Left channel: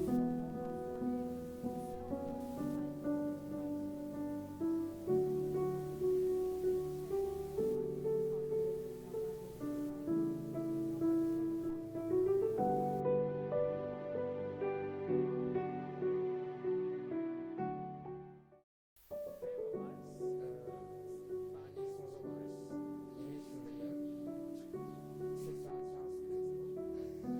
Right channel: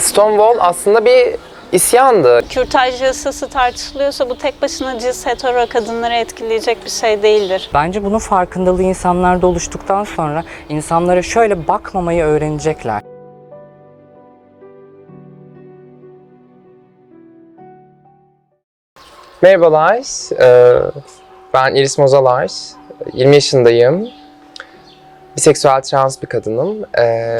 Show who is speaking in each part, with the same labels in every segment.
Speaker 1: Stonewall aslında bir isyandı.
Speaker 2: Kürtaj yasası tartışılıyorsa bu tek başına cins hetero kadınları etkileyecek bir şey değildir.
Speaker 3: Bence bunun farkındalığı insanlarda oluştuktan sonra insanlara şöyle bakmamayı öğrenecekler.
Speaker 1: Merhabalar, ee, ben Iris Mozalar, 20 yaşındayım. Biseksüel trans bir kadınım. Ee,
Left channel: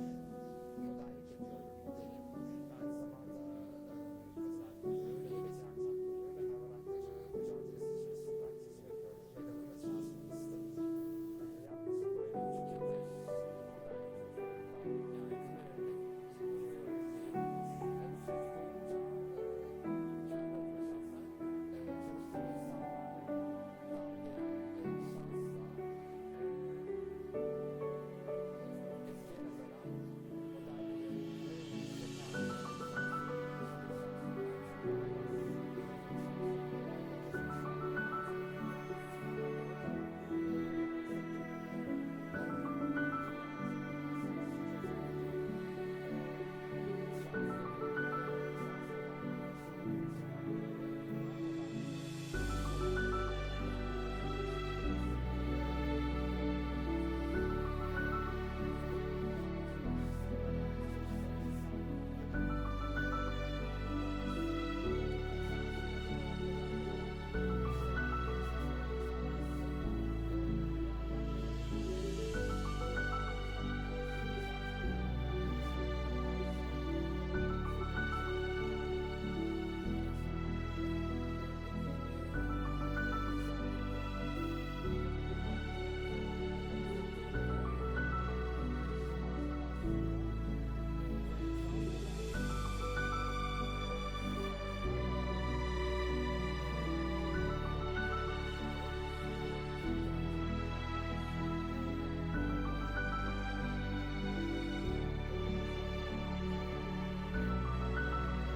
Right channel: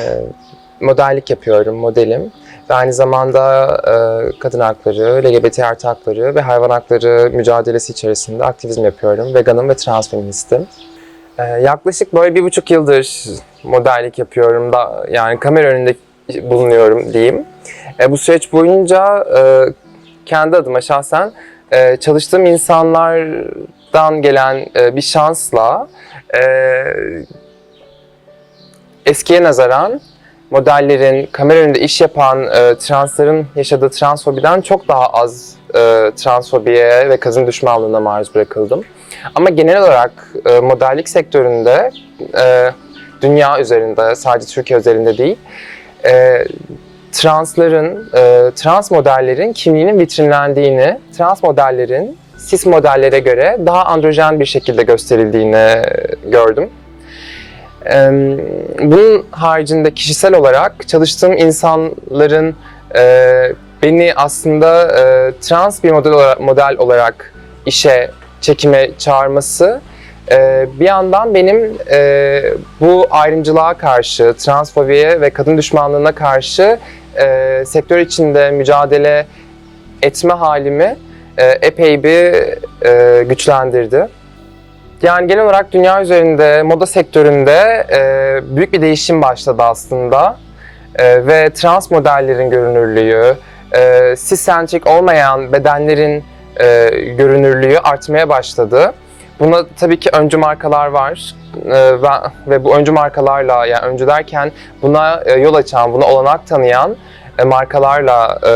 Speaker 1: Modellik yapıyorum, modelim. Ve aynı zamanda e, kadın hakları, LGBT artı hakları ve hayvan hakları mücadelesi içerisinde aktivizm yapıyorum. Veganım ve trans feministim. Ee, Yaklaşık böyle bir buçuk yıldır modellik yapıyorum da yani kamera önünde bulunuyorum diyeyim. E, bu süreç boyunca e, kendi adıma şahsen e, çalıştığım insanlardan gelen e, bir şansla e, eskiye nazaran modellerin, kamera önünde iş yapan e, transların yaşadığı transfobiden çok daha az e, transfobiye ve kadın düşmanlığına maruz bırakıldım. Ama genel olarak e, modellik sektöründe, e, dünya üzerinde, sadece Türkiye üzerinde değil, e, transların, e, trans modellerin kimliğinin vitrinlendiğini, trans modellerin cis modellere göre daha androjen bir şekilde gösterildiğini gördüm. Bunun haricinde kişisel olarak çalıştığım insanların e, beni aslında e, trans bir model olarak, model olarak işe, çekime çağırması e, bir yandan benim bu ayrımcılığa karşı, transfobiye ve kadın düşmanlığına karşı sektör içinde mücadele etme halimi epey bir güçlendirdi. Yani genel olarak dünya üzerinde, moda sektöründe e, büyük bir değişim başladı aslında. E, ve trans modellerin görünürlüğü, e, ciscentrik olmayan bedenlerin e, görünürlüğü artmaya başladı. Buna tabii ki öncü markalar var e, ve, ve bu öncü markalarla, yani öncü derken buna e, yol açan, buna olanak tanıyan e, markalarla e,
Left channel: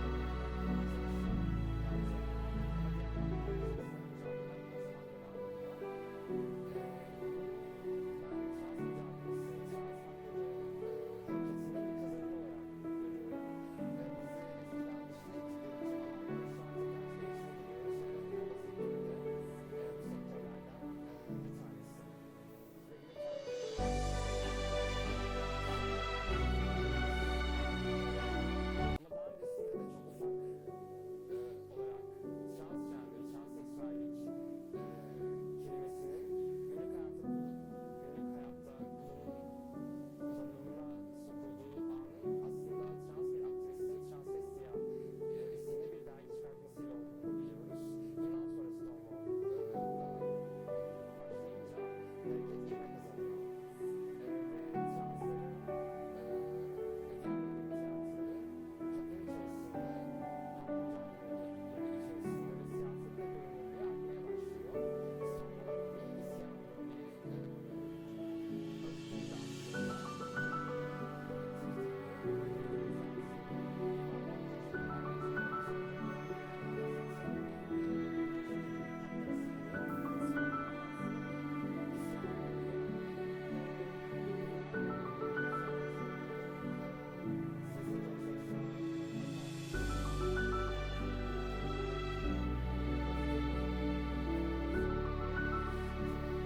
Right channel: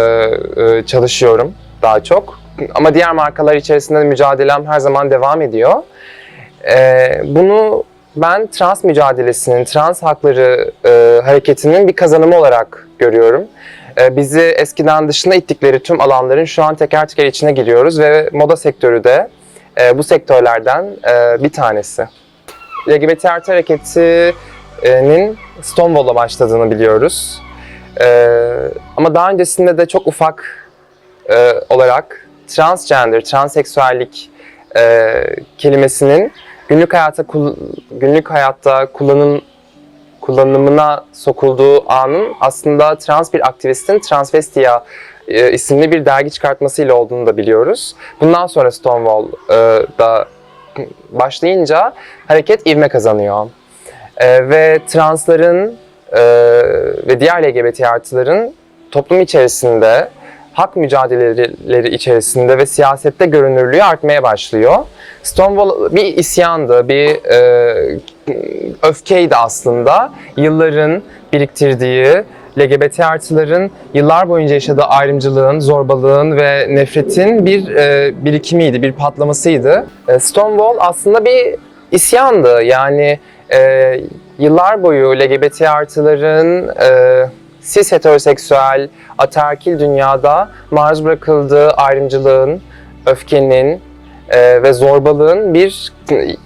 Speaker 1: e, çalışıyorum daha çok. Ama diğer markalar içerisinde de mücadelem her zaman devam ediyor. Ee, bunu ben trans mücadelesinin, trans hakları e, hareketinin bir kazanımı olarak görüyorum. Ee, bizi eskiden dışına ittikleri tüm alanların şu an teker teker içine giriyoruz ve moda sektörü de e, bu sektörlerden e, bir tanesi. LGBT artı hareketinin Stonewall'la başladığını biliyoruz. Ee, ama daha öncesinde de çok ufak e, olarak transgender, transseksüellik e, kelimesinin günlük hayata günlük hayatta kullanım kullanımına sokulduğu anın aslında trans bir aktivistin Transvestia e, isimli bir dergi çıkartmasıyla olduğunu da biliyoruz. Bundan sonra Stonewall e, başlayınca hareket ivme kazanıyor. E, ve transların e, ve diğer LGBT artıların toplum içerisinde hak mücadeleleri içerisinde ve siyasette görünürlüğü artmaya başlıyor. Stonewall bir isyandı, bir e, öfkeydi aslında. Yılların biriktirdiği LGBT artıların yıllar boyunca yaşadığı ayrımcılığın, zorbalığın ve nefretin bir e, birikimiydi, bir patlamasıydı. E, Stonewall aslında bir isyandı. Yani e, yıllar boyu LGBT artıların e, cis heteroseksüel, ataerkil dünyada maruz bırakıldığı ayrımcılığın, öfkenin e, ve zorbalığın bir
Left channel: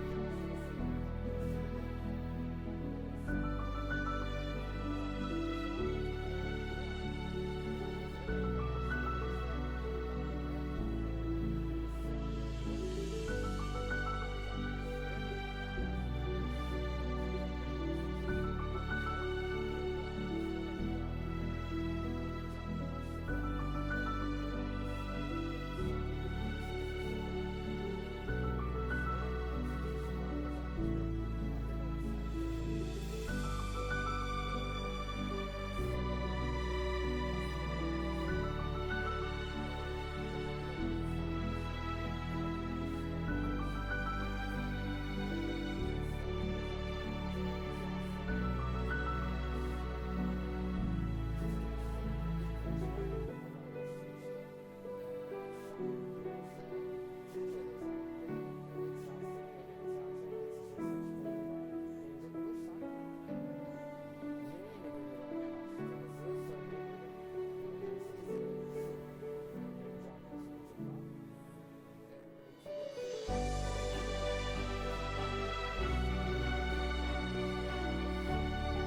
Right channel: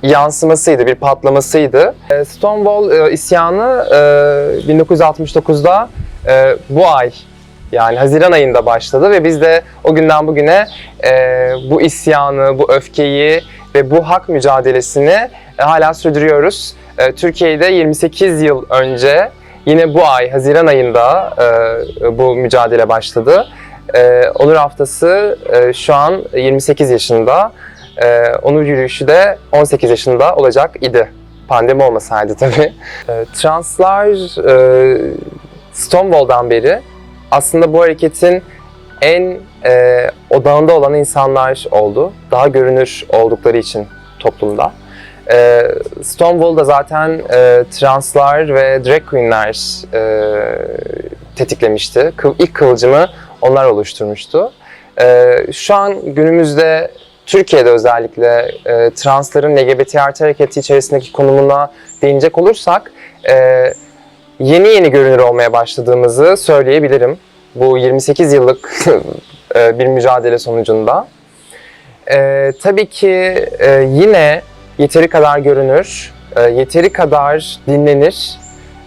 Speaker 1: yansımasıydı, bir patlamasıydı. E, Stonewall e, isyanı e, 1969'da e, bu ay yani Haziran ayında başladı ve biz de o günden bugüne e, bu isyanı, bu öfkeyi ve bu hak mücadelesini e, hala sürdürüyoruz. E, Türkiye'de 28 yıl önce yine bu ay Haziran ayında e, bu mücadele başladı. E, Onur Haftası e, şu an 28 yaşında. E, Onur yürüyüşü de 18 yaşında olacak idi. Pandemi olmasaydı tabii. E, translar e, Stonewall'dan beri aslında bu hareketin en e, odağında olan insanlar oldu. Daha görünür oldukları için toplumda. E, Stonewall'da zaten e, translar ve drag queenler e, tetiklemişti. Kıv, ilk kıvılcımı onlar oluşturmuştu. E, şu an günümüzde Türkiye'de özellikle e, transların LGBT artı hareketi içerisindeki konumuna değinecek olursak e, yeni yeni görünür olmaya başladığımızı söyleyebilirim. bu 28 yıllık e, bir mücadele sonucunda. E, tabii ki e, yine yeteri kadar görünür, e, yeteri kadar dinlenir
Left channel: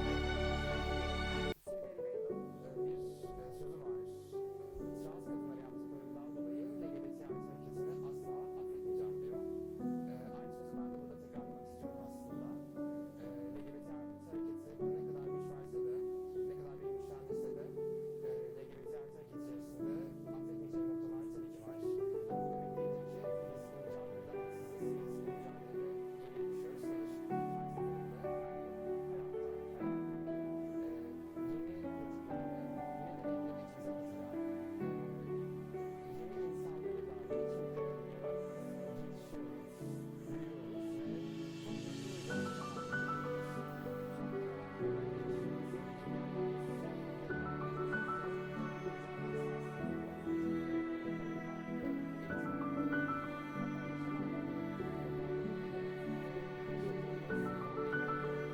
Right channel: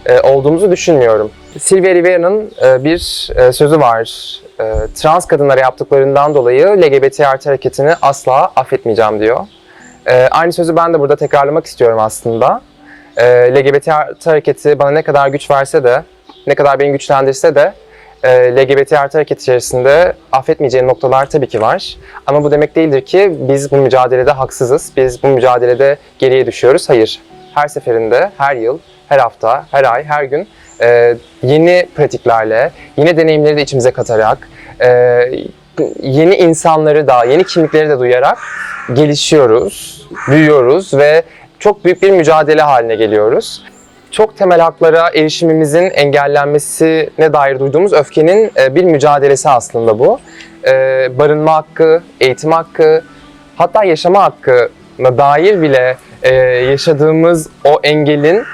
Speaker 1: e, olduğumuzu düşünmüyorum. Silvia Rivera'nın e, bir e, sözü var. E, trans kadınlara yaptıklarından dolayı LGBT artı hareketini asla affetmeyeceğim diyor. E, aynı sözü ben de burada tekrarlamak istiyorum aslında. E, LGBT artı hareketi bana ne kadar güç verse de, ne kadar beni güçlendirse de LGBT artı hareket içerisinde affetmeyeceğim noktalar tabii ki var. Ama bu demek değildir ki biz bu mücadelede haksızız, biz bu mücadelede geriye düşüyoruz. Hayır. Her seferinde, her yıl, her hafta, her ay, her gün e, yeni pratiklerle, yeni deneyimleri de içimize katarak, e, yeni insanları da, yeni kimlikleri de duyarak gelişiyoruz, büyüyoruz ve çok büyük bir mücadele haline geliyoruz. Çok temel haklara erişimimizin engellenmesine dair duyduğumuz öfkenin e, bir mücadelesi aslında bu. E, barınma hakkı, eğitim hakkı, hatta yaşama hakkına dair bile e, yaşadığımız o engelin,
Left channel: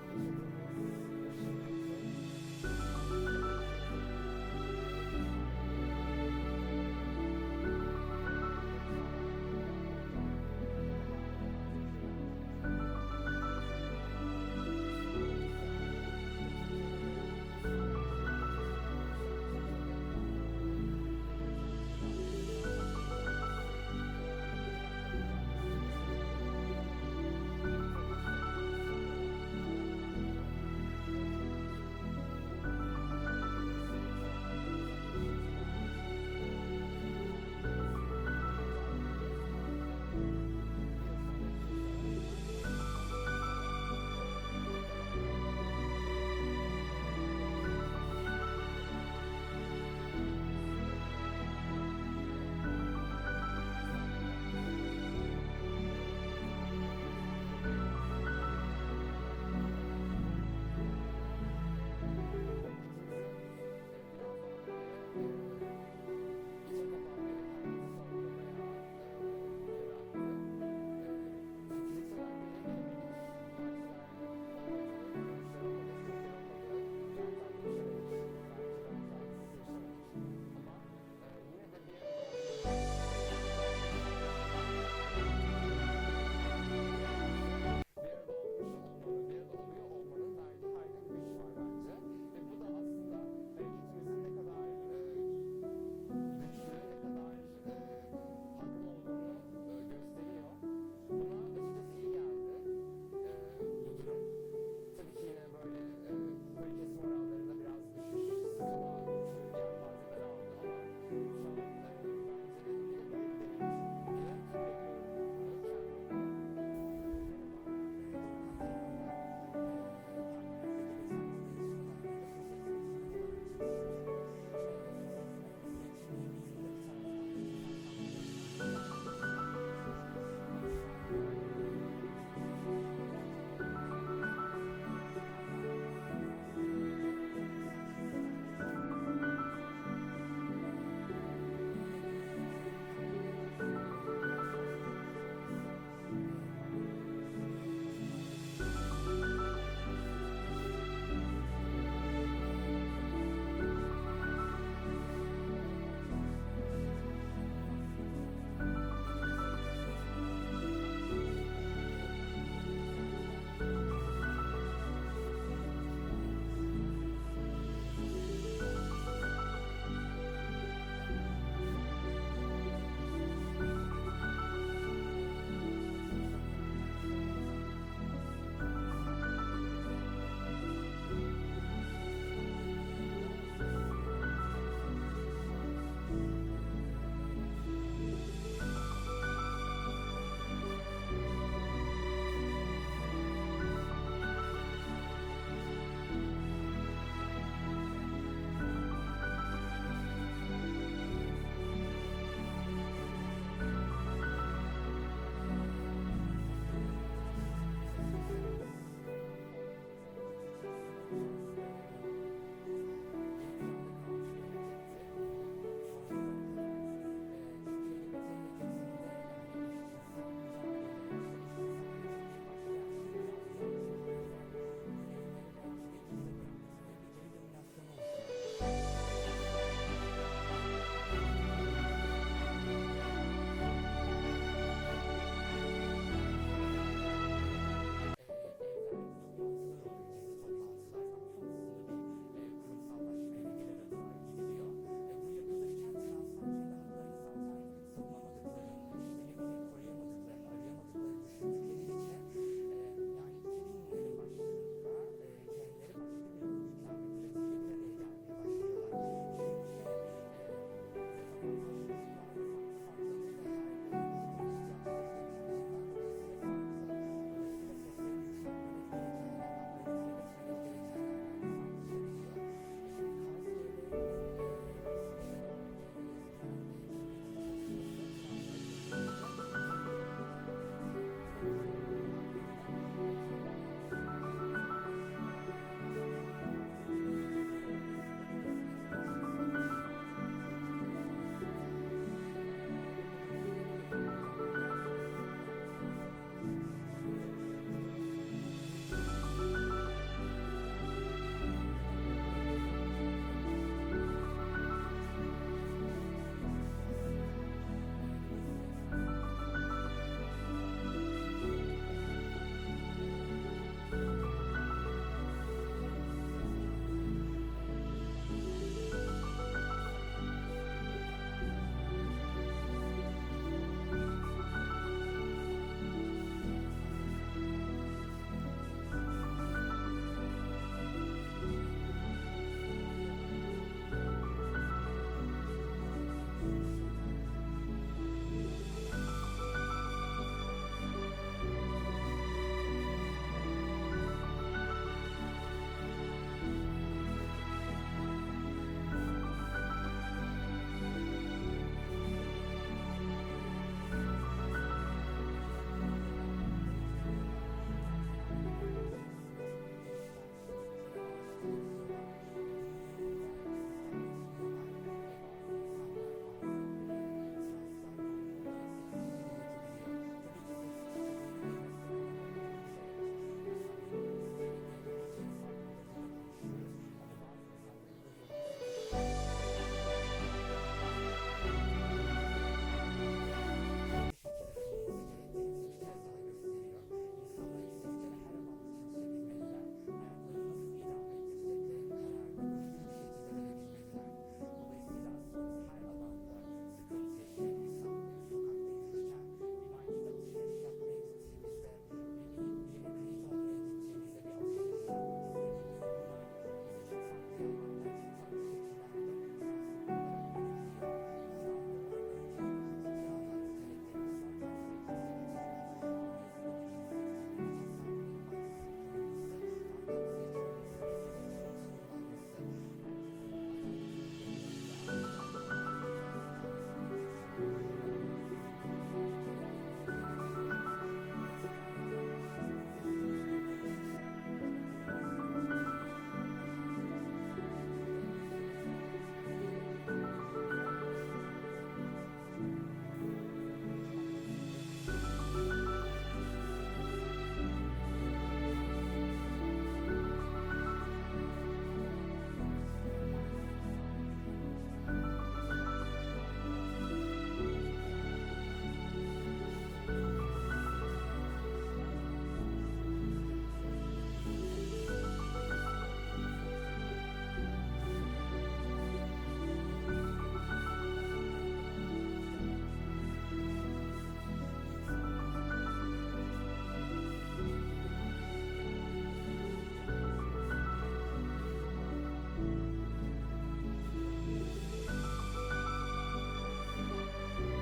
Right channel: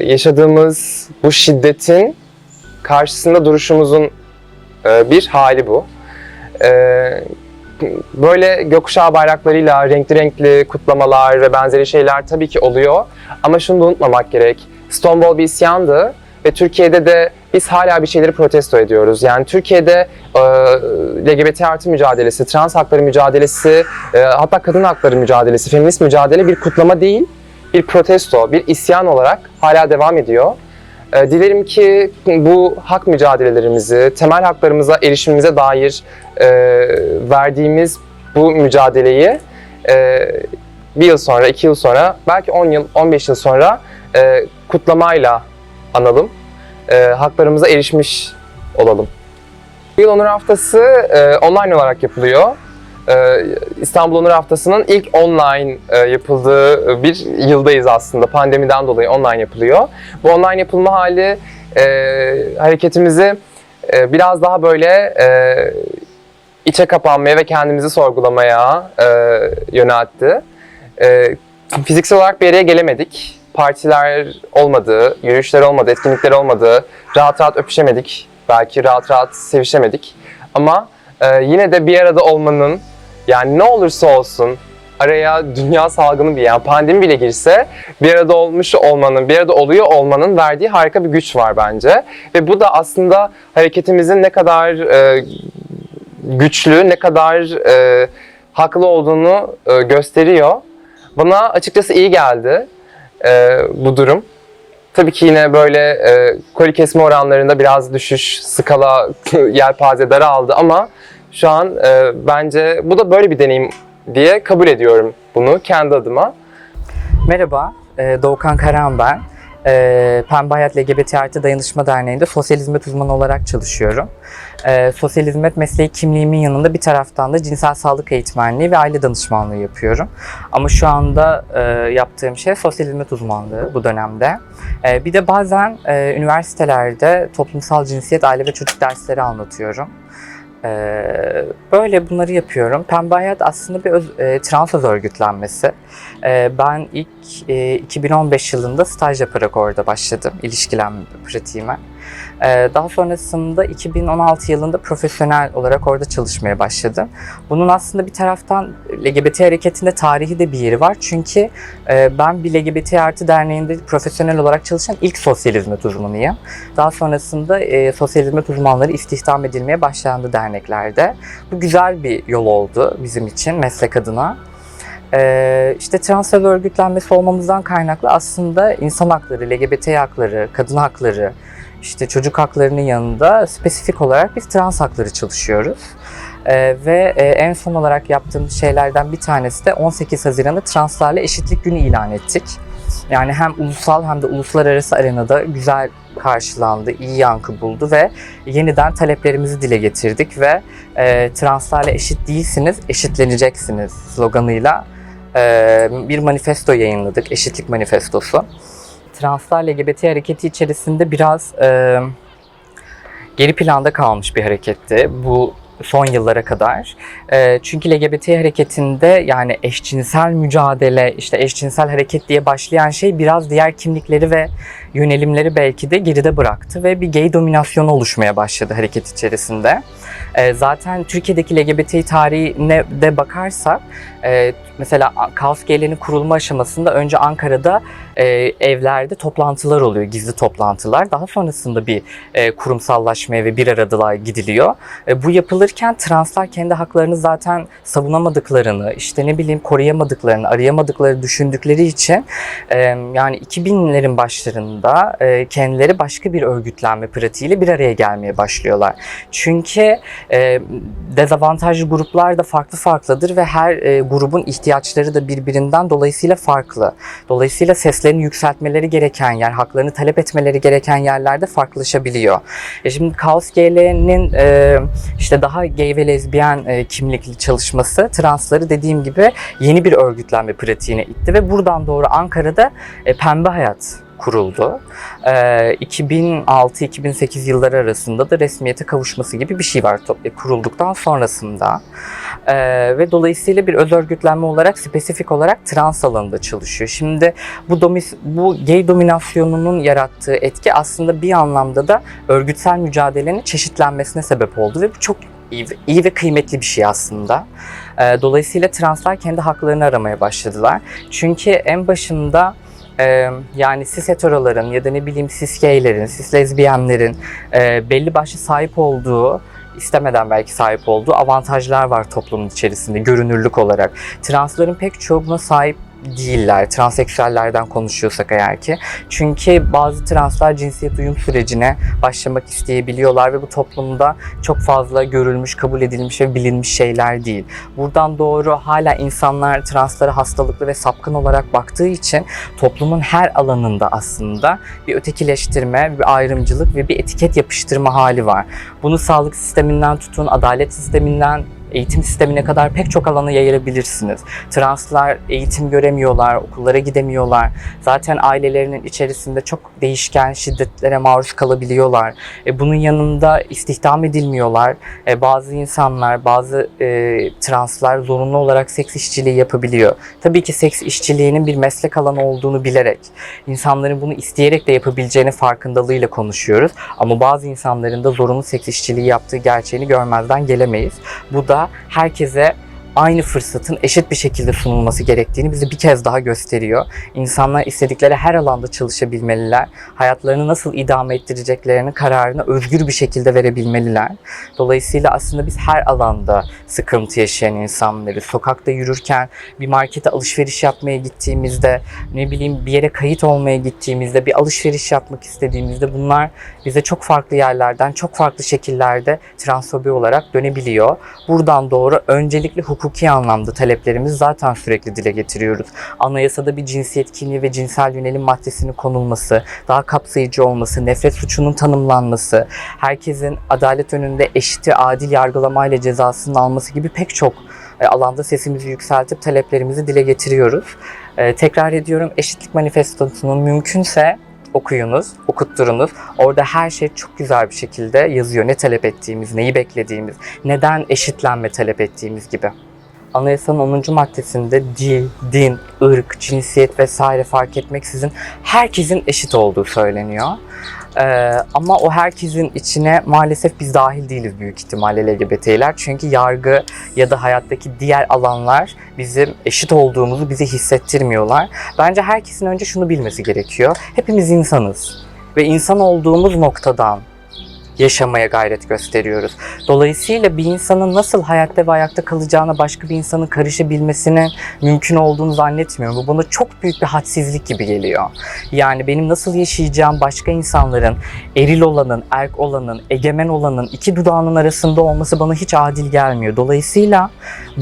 Speaker 1: yaşadığımız bu şiddetin karşısında duruşumuzun bir hali bu. Böyle gökkuşağı bayraklarıyla renkli renkli kutlamalar ve benzeri şeyler tabii ki oluyor. Ama şunu da unutmamak gerek. Stonewall bir isyandı ve Türkiye'de de biz hala bir şeyleri protesto ediyoruz. Yani Türkiye'de e, LGBT artı mücadelesi, trans hakları mücadelesi, e, hatta kadın hakları mücadelesi, feminist mücadele bir kutlama değil, bir protesto, bir isyan olarak hala devam ediyor. E, dilerim ki bu hak mücadelelerimizi, temel haklarımıza erişimimize dair e, verdiğimiz bu mücadeleyi e, bir yıl sonra, iki yıl sonra, belki 10 yıl, 15 yıl sonra e, kutlamayla analım. E, haklarımıza erişmiş olalım. Bu yıl Onur Haftası e, online olarak yapılıyor. E, İstanbul Onur Haftası'nın ilk online e, yapıldığı bir yıldayız aslında. Pandemiden dolayı online yapılıyor. Bu online yapılma hali e, hareketimizi e, biraz daha böyle e, içe kapanmaya ve kendimizi sorgulamaya e, yöneltti. E, fiziksel olarak bir araya gelemedik. Partiler olmadı, yürüyüşler olmadı, etkinlikler olmadı. Rahat rahat öpüşemedik. Belki rahat rahat sevişemedik. Ama e, yine de bir arada olmanın, yani ne olursa olsun araya dünya salgını bir yani pandemi bile girse bir arada olmuş olmanın, bir arada oluyor olmanın verdiği harika bir güç var bence. Ve bu da aslında hareketimizin ne kadar e, güçlü, ne kadar e, haklı olduğunu e, gösteriyor. Bana açıkçası iyi geldi e, bu durum. Tabii ki yine böyle e, koli kesme oranlarında biraz düşüş, skala yelpaze daraldı ama şu an e, bence bu da böyle bir deneyim diye kabul ediyorum bunu kendi adıma.
Speaker 3: Merhaba, e, Doğukan Karan ben. E, Pembe Hayat LGBT Artı Dayanışma Derneği'nde sosyal hizmet uzmanı olarak çalışıyorum. E, sosyal hizmet mesleği kimliğimin yanında bir taraftan da cinsel sağlık eğitmenliği ve aile danışmanlığı yapıyorum. Ama şu anda e, yaptığım şey sosyal hizmet uzmanlığı bu dönemde. E, bir de bazen e, üniversitelerde toplumsal cinsiyet, aile ve çocuk dersleri anlatıyorum. Ee, böyle bunları yapıyorum. Pembe Hayat aslında bir öz, e, trans öz örgütlenmesi. Ee, ben ilk e, 2015 yılında staj yaparak orada başladım ilişkilenme pratiğime. Ee, daha sonrasında 2016 yılında profesyonel olarak orada çalışmaya başladım. Bunun aslında bir taraftan LGBT hareketinde tarihi de bir yeri var. Çünkü e, ben bir LGBT artı derneğinde profesyonel olarak çalışan ilk sosyal hizmet uzmanıyım. Daha sonrasında e, sosyal hizmet uzmanları istihdam edilmeye başlandı derneklerde. Bu güzel bir yol oldu bizim için meslek adına. Ee, işte transfer örgütlenmesi olmamızdan kaynaklı aslında insan hakları, LGBT hakları, kadın hakları, işte çocuk haklarının yanında spesifik olarak biz trans hakları çalışıyoruz. Ee, ve e, en son olarak yaptığımız şeylerden bir tanesi de 18 Haziran'ı translarla eşitlik günü ilan ettik. Yani hem ulusal hem de uluslararası arenada güzel karşılandı, iyi yankı buldu ve yeniden taleplerimizi dile getirdik ve e, translarla eşit değilsiniz, eşitleneceksiniz sloganıyla e, bir manifesto yayınladık, eşitlik manifestosu. Translar LGBT hareketi içerisinde biraz e, geri planda kalmış bir hareketti. Bu son yıllara kadar. Ee, çünkü LGBT hareketinde yani eşcinsel mücadele, işte eşcinsel hareket diye başlayan şey biraz diğer kimlikleri ve yönelimleri belki de geride bıraktı ve bir gay dominasyonu oluşmaya başladı hareket içerisinde. Ee, zaten Türkiye'deki LGBT tarihine de bakarsak e, mesela Kaos Gay'lerin kurulma aşamasında önce Ankara'da e, evlerde toplantılar oluyor, gizli toplantılar. Daha sonrasında bir e, kurumsallaşmaya ve bir aradılığa gidiliyor. E, bu yapılırken translar kendi haklarını zaten savunamadıklarını, işte ne bileyim koruyamadıklarını, arayamadıkları düşündükleri için e, yani 2000'lerin başlarında e, kendileri başka bir örgütlenme pratiğiyle bir araya gelmeye başlıyorlar. Çünkü e, dezavantajlı gruplar da farklı farklıdır ve her e, grubun ihtiyaçları da birbirinden dolayısıyla farklı. Dolayısıyla seslerini yükseltmeleri gereken yer, haklarını talep etmeleri gereken yerlerde farklılaşabiliyor. E şimdi Kaos GL'nin e, işte daha gay ve lezbiyen e, kimlikli çalışması transları dediğim gibi yeni bir örgütlenme pratiğine itti ve buradan doğru Ankara'da e, Pembe Hayat kuruldu. E, 2006-2008 yılları arasında da resmiyete kavuşması gibi bir şey var e, kurulduktan sonrasında. E, ve dolayısıyla bir öz örgütlenme olarak spesifik olarak trans alanında çalışıyor. Şimdi bu domis, bu gay dominasyonunun yarattığı etki aslında bir anlamda da örgütsel mücadelenin çeşitlenmesine sebep oldu ve bu çok iyi, iyi ve kıymetli bir şey aslında. E, dolayısıyla translar kendi haklarını aramaya başladılar. Çünkü en başında e, yani cis heteroların ya da ne bileyim cis gaylerin, cis lezbiyenlerin e, belli başlı sahip olduğu istemeden belki sahip olduğu avantajlar var toplumun içerisinde görünürlük olarak. Transların pek çoğu buna sahip değiller. Transseksüellerden konuşuyorsak eğer ki. Çünkü bazı translar cinsiyet uyum sürecine başlamak isteyebiliyorlar ve bu toplumda çok fazla görülmüş, kabul edilmiş ve bilinmiş şeyler değil. Buradan doğru hala insanlar translara hastalıklı ve sapkın olarak baktığı için toplumun her alanında aslında bir ötekileştirme, bir ayrımcılık ve bir etiket yapıştırma hali var. Bunu sağlık sisteminden tutun, adalet sisteminden eğitim sistemine kadar pek çok alana yayabilirsiniz. Translar eğitim göremiyorlar, okullara gidemiyorlar. Zaten ailelerinin içerisinde çok değişken şiddetlere maruz kalabiliyorlar. E, bunun yanında istihdam edilmiyorlar. E, bazı insanlar, bazı e, translar zorunlu olarak seks işçiliği yapabiliyor. Tabii ki seks işçiliğinin bir meslek alanı olduğunu bilerek, insanların bunu isteyerek de yapabileceğini farkındalığıyla konuşuyoruz. Ama bazı insanların da zorunlu seks işçiliği yaptığı gerçeğini görmezden gelemeyiz. Bu da herkese aynı fırsatın eşit bir şekilde sunulması gerektiğini bize bir kez daha gösteriyor. İnsanlar istedikleri her alanda çalışabilmeliler. Hayatlarını nasıl idame ettireceklerinin kararını özgür bir şekilde verebilmeliler. Dolayısıyla aslında biz her alanda sıkıntı yaşayan insanları, sokakta yürürken, bir markete alışveriş yapmaya gittiğimizde, ne bileyim bir yere kayıt olmaya gittiğimizde, bir alışveriş yapmak istediğimizde bunlar bize çok farklı yerlerden, çok farklı şekillerde transfobi olarak dönebiliyor. Buradan doğru öncelikle hukuki anlamda taleplerimizi zaten sürekli dile getiriyoruz. Anayasada bir cinsiyet kimliği ve cinsel yönelim maddesinin konulması, daha kapsayıcı olması, nefret suçunun tanımlanması, herkesin adalet önünde eşiti adil yargılamayla cezasının alması gibi pek çok e, alanda sesimizi yükseltip taleplerimizi dile getiriyoruz. E, tekrar ediyorum eşitlik manifestosunun mümkünse okuyunuz, okutturunuz. Orada her şey çok güzel bir şekilde yazıyor. Ne talep ettiğimiz, neyi beklediğimiz, neden eşitlenme talep ettiğimiz gibi. Anayasanın 10. maddesinde dil, din, ırk, cinsiyet vesaire fark etmeksizin herkesin eşit olduğu söyleniyor. Ee, ama o herkesin içine maalesef biz dahil değiliz büyük ihtimalle LGBT'ler. Çünkü yargı ya da hayattaki diğer alanlar bizim eşit olduğumuzu bize hissettirmiyorlar. Bence herkesin önce şunu bilmesi gerekiyor. Hepimiz insanız ve insan olduğumuz noktadan yaşamaya gayret gösteriyoruz. Dolayısıyla bir insanın nasıl hayatta ve ayakta kalacağına başka bir insanın karışabilmesinin mümkün olduğunu zannetmiyorum. Bu bana çok büyük bir hadsizlik gibi geliyor. Yani benim nasıl yaşayacağım başka insanların eril olanın, erk olanın, egemen olanın iki dudağının arasında olması bana hiç adil gelmiyor. Dolayısıyla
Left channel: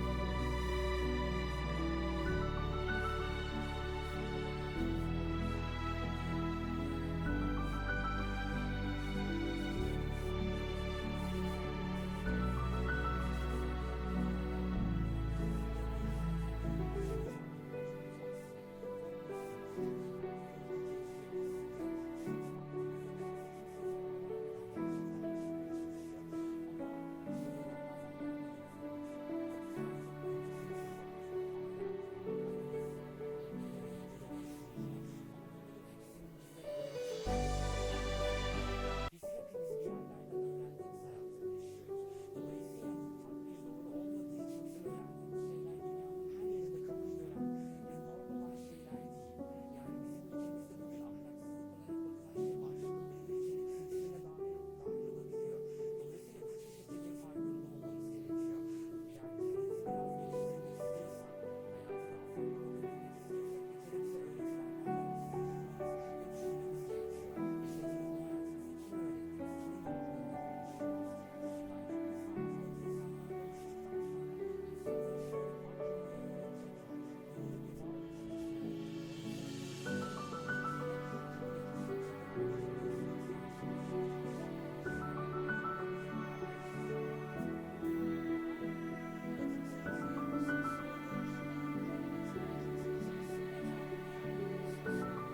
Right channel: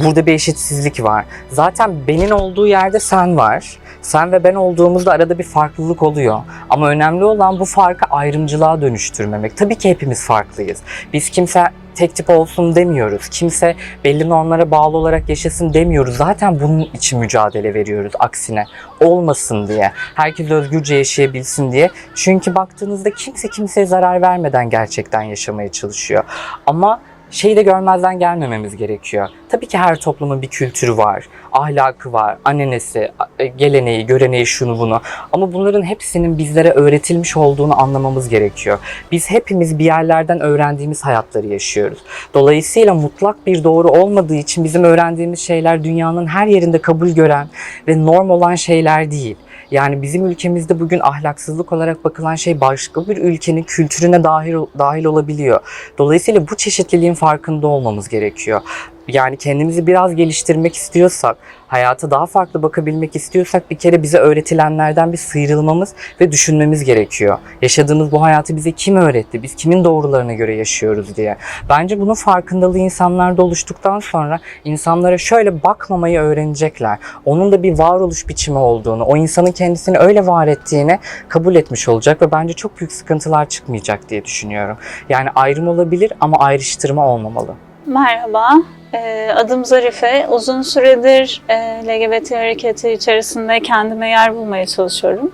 Speaker 3: burada bir eşitsizlik var. Zaten benim olduğu yerde sen var. Sen ve ben olduğumuzda arada bir farklılık oluyor. Ama önemli olan bu farkı ayrımcılığa dönüştürmemek. Tabii ki hepimiz farklıyız. Biz kimse tek tip olsun demiyoruz. Kimse belli normlara bağlı olarak yaşasın demiyoruz. Zaten bunun için mücadele veriyoruz aksine. Olmasın diye. Herkes özgürce yaşayabilsin diye. Çünkü baktığınızda kimse kimseye zarar vermeden gerçekten yaşamaya çalışıyor. Ama şeyi de görmezden gelmememiz gerekiyor. Tabii ki her toplumun bir kültürü var, ahlakı var, annenesi, e, geleneği, göreneği, şunu bunu. Ama bunların hepsinin bizlere öğretilmiş olduğunu anlamamız gerekiyor. Biz hepimiz bir yerlerden öğrendiğimiz hayatları yaşıyoruz. Dolayısıyla mutlak bir doğru olmadığı için bizim öğrendiğimiz şeyler dünyanın her yerinde kabul gören ve norm olan şeyler değil. Yani bizim ülkemizde bugün ahlaksızlık olarak bakılan şey başka bir ülkenin kültürüne dahil dahil olabiliyor. Dolayısıyla bu çeşitliliğin farkında olmamız gerekiyor. Yani kendimizi biraz geliştirmek istiyorsak, hayata daha farklı bakabilmek istiyorsak bir kere bize öğretilenlerden bir sıyrılmamız ve düşünmemiz gerekiyor. Yaşadığımız bu hayatı bize kim öğretti? Biz kimin doğrularına göre yaşıyoruz diye. Bence bunun farkındalığı insanlarda oluştuktan sonra insanlara şöyle bakmamayı öğrenecekler. Onun da bir varoluş biçimi olduğunu, o insanın kendisini öyle var ettiğini kabul etmiş olacak ve bence çok büyük sıkıntılar çıkmayacak diye düşünüyorum. Yani ayrım olabilir ama ayrıştırma olmamalı.
Speaker 2: Merhaba, Ee, adım Zarife. Uzun süredir e, LGBT hareketi içerisinde kendime yer bulmaya çalışıyorum.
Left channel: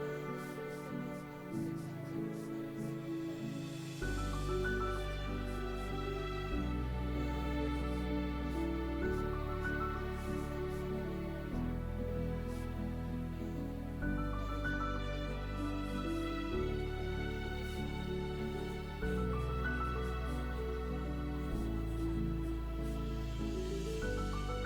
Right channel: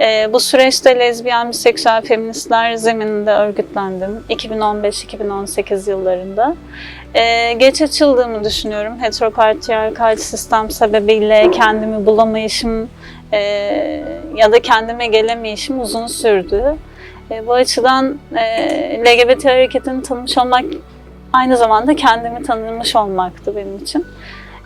Speaker 2: Ee, bu süreçte lezbiyen, biseksüel feministler zemininde örgütlendim 2015-2018 yıllarında. Ee, geç açıldığımı düşünüyorum. Heteropatriarkal sistem sebebiyle kendimi bulamayışım e, ya da kendime gelemeyişim uzun sürdü. Bu açıdan e, LGBT hareketini tanımış olmak aynı zamanda kendimi tanımış olmaktı benim için.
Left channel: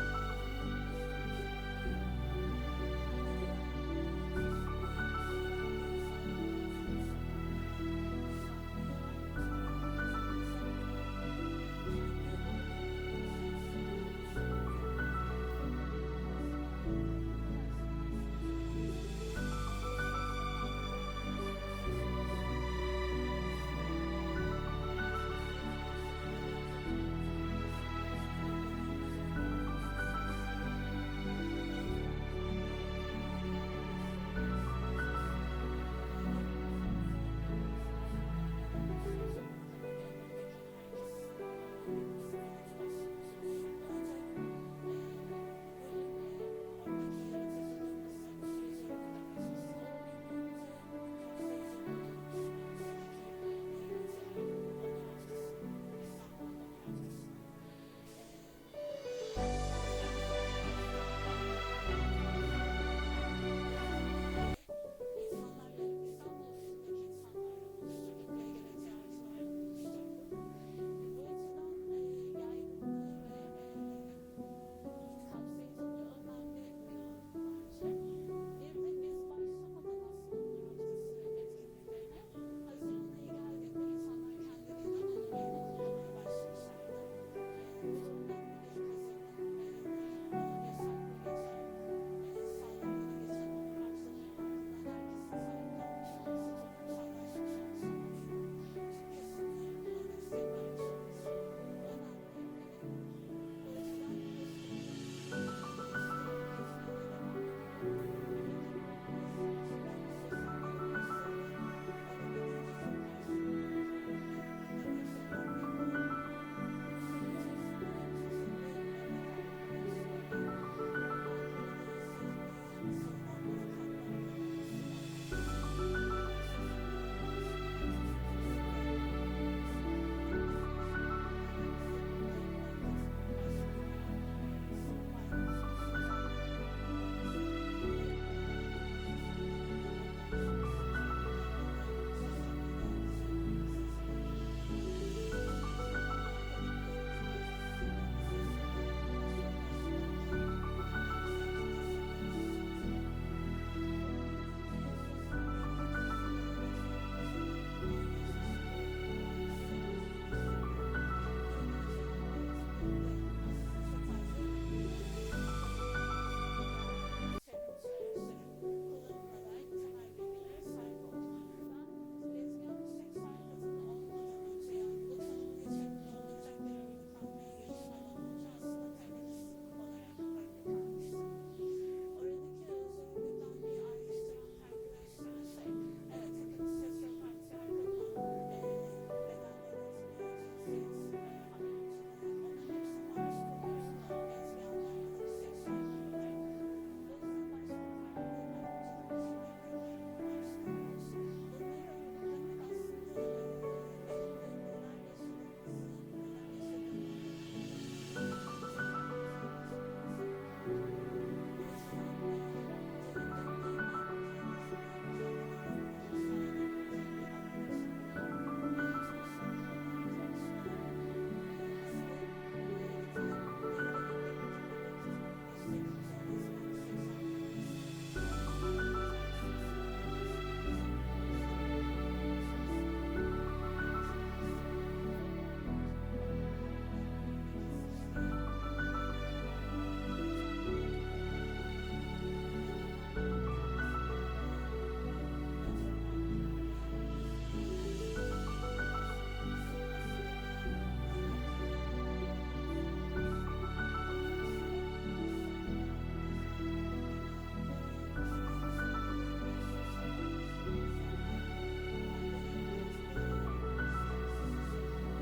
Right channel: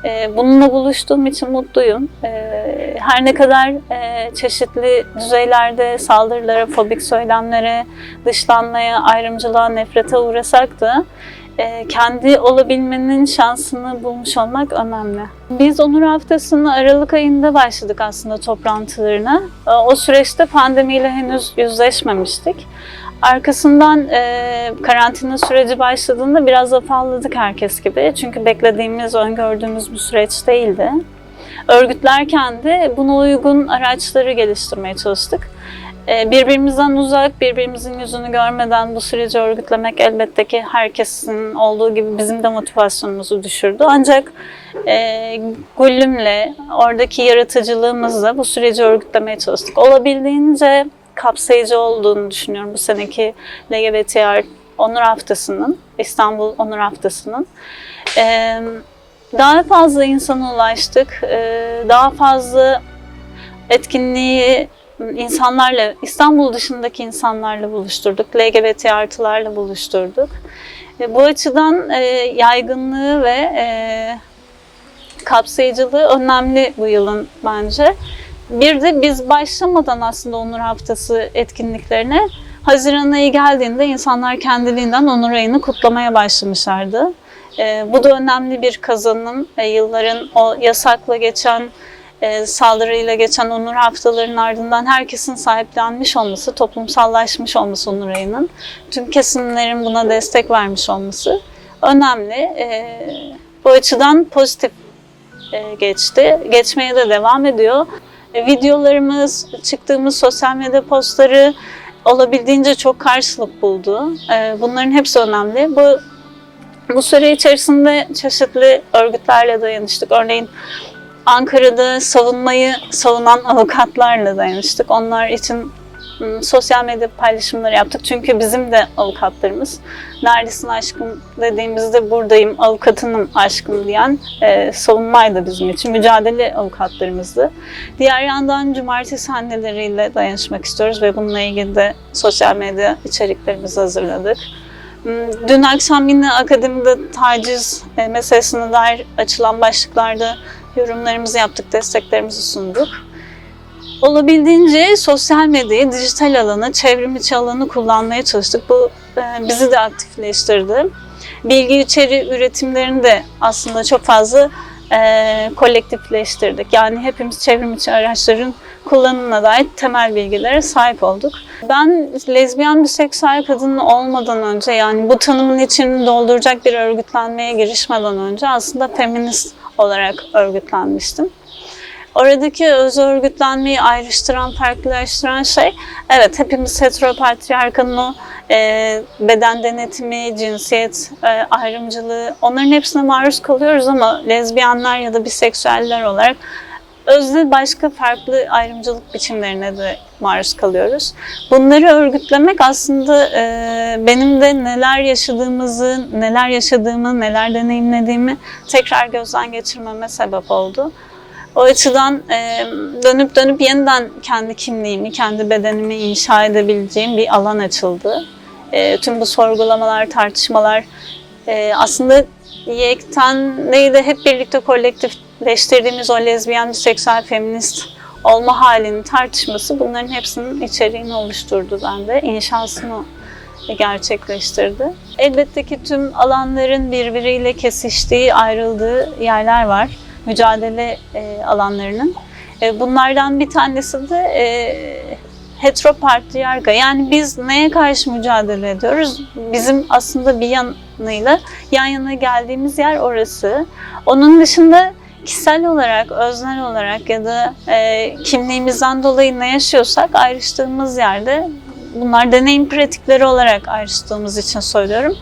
Speaker 2: Ee, Bununla buluştuğum için mutluyum. Ee, Her ne kadar e, çeşitli düzeylerde saldırılara, fobik söylemlere, dışlanmaya, ayrımcılığa, nefrete uğrasak da e, kendi olabilmenin şansını bulmuş olmak önemli. Biz Onur Haftası'nı Aralık ayında başladık aslında toplantılarına. E, O süreçte pandemiyle henüz yüzleşmemiştik. Arkasından e, karantina süreci başladığında biraz afalladık herkes gibi. Çünkü beklediğimiz, öngördüğümüz bir süreç değildi. Örgütlerken de buna uygun araçları geliştirmeye çalıştık. E, birbirimizden uzak, birbirimizin yüzünü görmeden bu süreci örgütlemek elbette ki herkesin olduğu gibi bizim de motivasyonumuzu düşürdü. Ancak e, Güllüm'le, oradaki yaratıcılığımızla bu süreci örgütlemeye çalıştık. Olabildiğince kapsayıcı olduğunu düşünüyorum bu seneki LGBT Onur Haftası'nın, İstanbul Onur Haftası'nın. Ee, daha fazla insana ulaştık, ee, daha fazla etkinliği insanlarla, İstanbul dışındaki insanlarla buluşturduk, LGBT artılarla buluşturduk. E, bu açıdan e, yaygınlığı ve e, kapsayıcılığı önemli bu yılın bence. Bir de biz başlamadan aslında Onur Haftası etkinliklerine Haziran ayı geldiğinde insanlar kendiliğinden Onur ayını kutlamaya başlamışlardı. Ee, bu da önemli bir kazanım. Ee, yılların o yasakla geçen, e, saldırıyla geçen Onur haftalarının ardından herkesin sahiplenmiş olması, toplumsallaşmış olması Onur ayının, tüm kesimlerin buna destek vermiş olması önemli. Ee, bu açıdan pozitif e, geçti. Geçmeye de devam ediyor. E, Videolarımız, çıktığımız sosyal medya postları olabildiğince çok karşılık buldu. E, Bunların hepsi önemli. Bu bu süre içerisinde çeşitli örgütlerle dayanıştık. Örneğin Ankara'da savunmayı savunan avukatlarla dayanıştık. Onlar için sosyal medya paylaşımları yaptık. Çünkü bizim de avukatlarımız neredesin aşkım dediğimizde buradayım, avukatınım aşkım diyen e, savunmaydı bizim için. Mücadele avukatlarımızdı. Diğer yandan cumartesi anneleriyle dayanışmak istiyoruz ve bununla ilgili de sosyal medya içeriklerimizi hazırladık. Hmm, Dün akşam yine akademide taciz e, meselesine dair açılan başlıklarda yorumlarımızı yaptık, desteklerimizi sunduk. Olabildiğince sosyal medyayı, dijital alanı, çevrim içi alanı kullanmaya çalıştık. Bu e, bizi de aktifleştirdi. Bilgi içeri üretimlerini de aslında çok fazla e, kolektifleştirdik. Yani hepimiz çevrim içi araçların kullanımına dair temel bilgilere sahip olduk. Ben lezbiyen biseksüel kadın olmadan önce yani bu tanımın içini dolduracak bir örgütlenmeye girişmeden önce aslında feminist olarak örgütlenmiştim. Oradaki öz örgütlenmeyi ayrıştıran, farklılaştıran şey, evet hepimiz heteropatriarkanın o e, beden denetimi, cinsiyet e, ayrımcılığı, onların hepsine maruz kalıyoruz ama lezbiyenler ya da biseksüeller olarak özne başka farklı ayrımcılık biçimlerine de maruz kalıyoruz. Bunları örgütlemek aslında e, benim de neler yaşadığımızı, neler yaşadığımı, neler deneyimlediğimi tekrar gözden geçirmeme sebep oldu. O açıdan e, dönüp dönüp yeniden kendi kimliğimi, kendi bedenimi inşa edebileceğim bir alan açıldı. E, tüm bu sorgulamalar, tartışmalar e, aslında yekten neydi hep birlikte kolektifleştirdiğimiz o lezbiyen, biseksüel, feminist olma halinin tartışması bunların hepsinin içeriğini oluşturdu bende. İnşasını gerçekleştirdi. Elbette ki tüm alanların birbiriyle kesiştiği, ayrıldığı yerler var. Mücadele e, alanlarının. E, bunlardan bir tanesi de e, heteropatriyarka. Yani biz neye karşı mücadele ediyoruz? Bizim aslında bir yanıyla yan yana geldiğimiz yer orası. Onun dışında kişisel olarak, öznel olarak ya da e, kimliğimizden dolayı ne yaşıyorsak ayrıştığımız yerde bunlar deneyim pratikleri olarak ayrıştığımız için söylüyorum.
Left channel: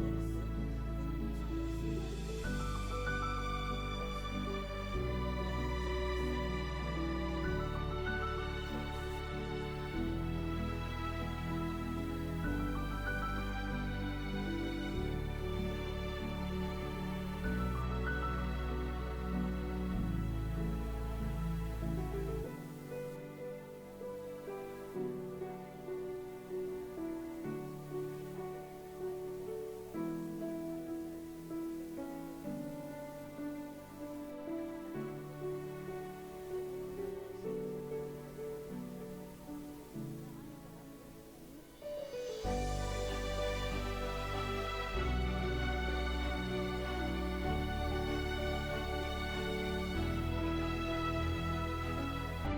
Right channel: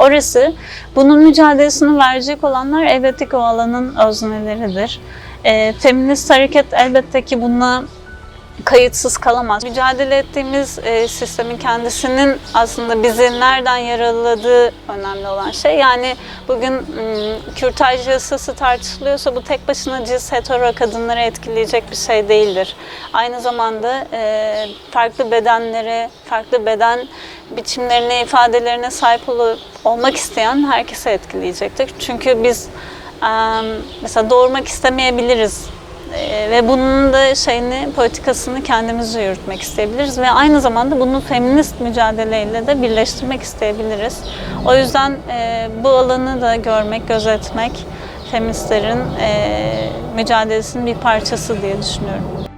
Speaker 2: Orası, bunun mücadelesini verecek olanlar elbette ki o alanın özneleridir. E, feminist hareket elbette ki buna kayıtsız kalamaz. Mücadele ettiğimiz e, sistemin kendisinin aslında bizi nereden yaraladığı önemli olan şey. Yani bugün m, kürtaj yasası tartışılıyorsa bu tek başına cis hetero kadınları etkileyecek bir şey değildir. Aynı zamanda e, farklı bedenlere, farklı beden biçimlerine, ifadelerine sahip ol- olmak isteyen herkese etkileyecektir. Çünkü biz e, mesela doğurmak istemeyebiliriz ee, ve bunun da şeyini, politikasını kendimiz yürütmek isteyebiliriz ve aynı zamanda bunu feminist mücadeleyle de birleştirmek isteyebiliriz. O yüzden e, bu alanı da görmek, gözetmek feministlerin e, mücadelesinin bir parçası diye düşünüyorum.